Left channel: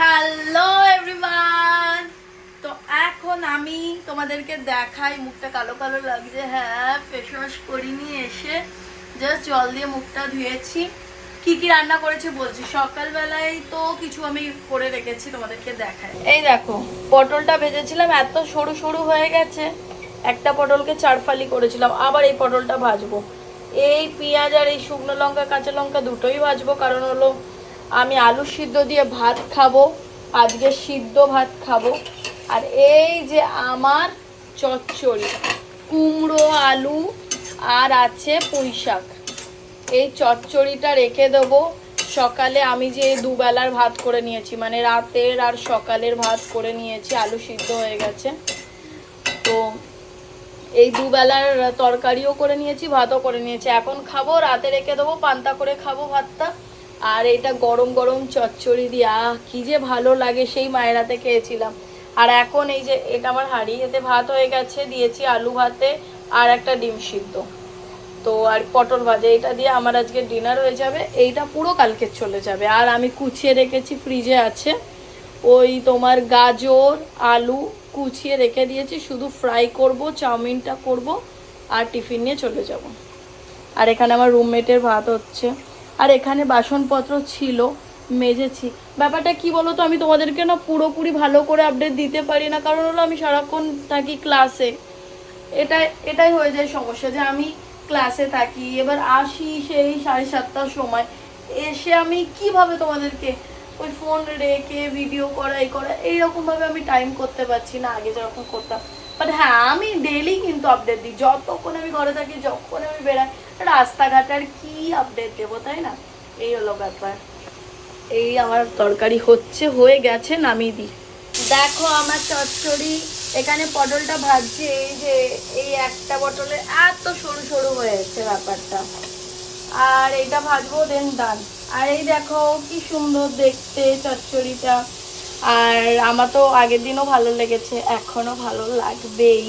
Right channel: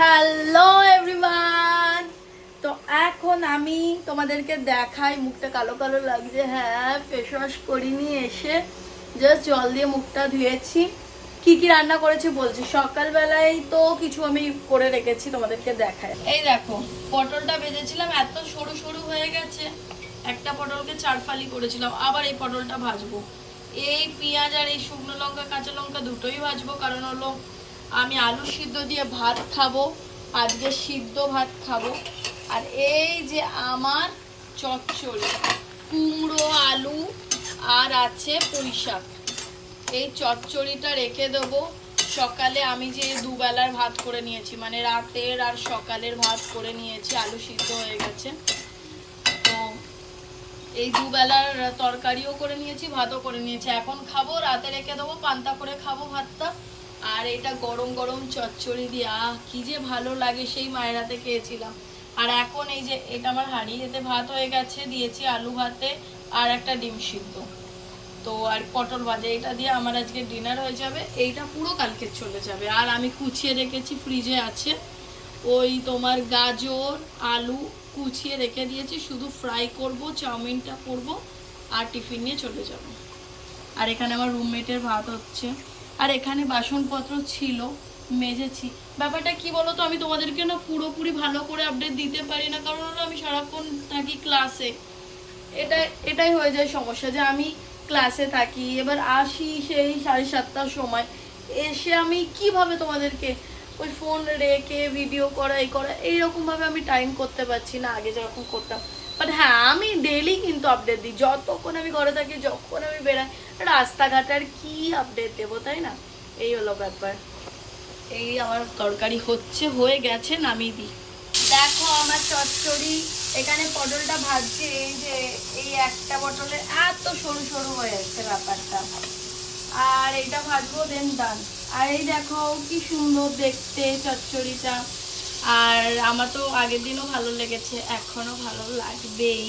Hello everyone. তো এখন আমি তোমাদেরকে দেখাই, মুখটা কালো কালো লাগছে। হ্যাঁ, ফেস ওয়াশ করিনি, এসে জাস্ট জল দিয়ে মুখটা ধুয়েছি। কি কি রান্না করেছি বলছি। সকালবেলায় তো কিছু আমি করে রেখেছি, তোমাদেরকে দেখাই। এই দেখো, পটলটা ভেজেছিলাম, এত সরু সরু হয়ে গেছে। একটা পটলকে 4 ফালি করেছিলাম। আবার এই পটলটা ভাজবো। এই পেঁয়াজ আর এই শুকনো লঙ্কা কাঁচা লঙ্কা দুটোই ভাজবো, কারণ হলো আমি আলু সিদ্ধ দিয়ে ভাত খাবো, আজকে সিদ্ধ ভাত খাবো। আর এই যে আমার চচ্চড়ি, কুমড়ো আলু আর আছে পুঁই শাক। এই চচ্চড়িটা রেখে দেবো। সকালে আমি যে দুবেলার ভাত করে নিয়েছি, মানে রাতের আর সকালের ভাত করে নিয়েছি, আলু সিদ্ধ হয়ে গেছে। তো এই দুবেলার তরকারিও করে নিয়েছি, ভাতও করে নিয়েছি। এখন খাবো, রাতে রেখে দেবো, পান্তা করে খাবো ভাতটা। আর এটা গরম গরম চচ্চড়ি দিয়ে কি যে ভালো লাগে, সেই মায়ের হাতে খেয়েছিলাম। আর এখন এই যে এটা আমার হাঁড়ি, এতে ভাত হয়ে গেছে, দিয়েছি আলু ভাতে আর একটা ডিম সিদ্ধ, তো আর পটল ভাজা। এটা দিয়ে আমার আজকে ডিনার হয়ে যাবে। এইটা পুরো কালকে চলে যাবে। আর আমি কুচিয়ে রেখেছি, ফ্রিজে আছে ওই তোমার গাজর আলু কুচিয়ে রেখে দিয়েছি, শুধু ফ্রাই করব, চাউমিনটা করব আর টিফিন নিয়ে চলে যাব। আর এখানে আমার রুমমেটের ভাত হচ্ছে। আর এখানে বাসনপত্র ছিল, মেজেছি। ব্যাপারটা কি বলো তো, আমি তোমাদেরকে না পুরোপুরি ভালো করে আপডেট দিতে পারি না, কারণ হলো আমি সারাক্ষণ থাকি ক্লাসে। এটাই হয়ে যায় সমস্যা, যে আমি ক্লাসে থাকি, এবার আসি সেই 7:30টার সময়। এসে আমি কিভাবে তোমাদেরকে ওই ফোন রেখে ভিডিও করা এই করা এইরকম ভাবে আমি টাইম করতে পারছি না, আগে যেরকম করতাম। বাট হ্যাঁ, আমি ডেইলি কিন্তু আপডেট দিই, যতক্ষণ আমি ঘরে থাকি, যখন আমি বেড়াই। রাস্তাঘাটের কি আপডেট দেবো, তাই না? এই হলো ব্যাপার। এই আমার তরকারি হচ্ছে, হয়ে গেছে, নামিয়ে দিই। দেখো আমার চচ্চড়ি, এখানে পটলটা ভাজছে। এই যে এই একটা পটলে এত সরু সরু হয়েছে ব্যাপারটা। আর এইটা ভাজবো, দেন ডান। আর এই দেখো কি সুন্দর দেখতে চচ্চড়িটা। আর আমার তো আগের দিনও ভালো লেগেছে, এখনো ভালো লাগবেই।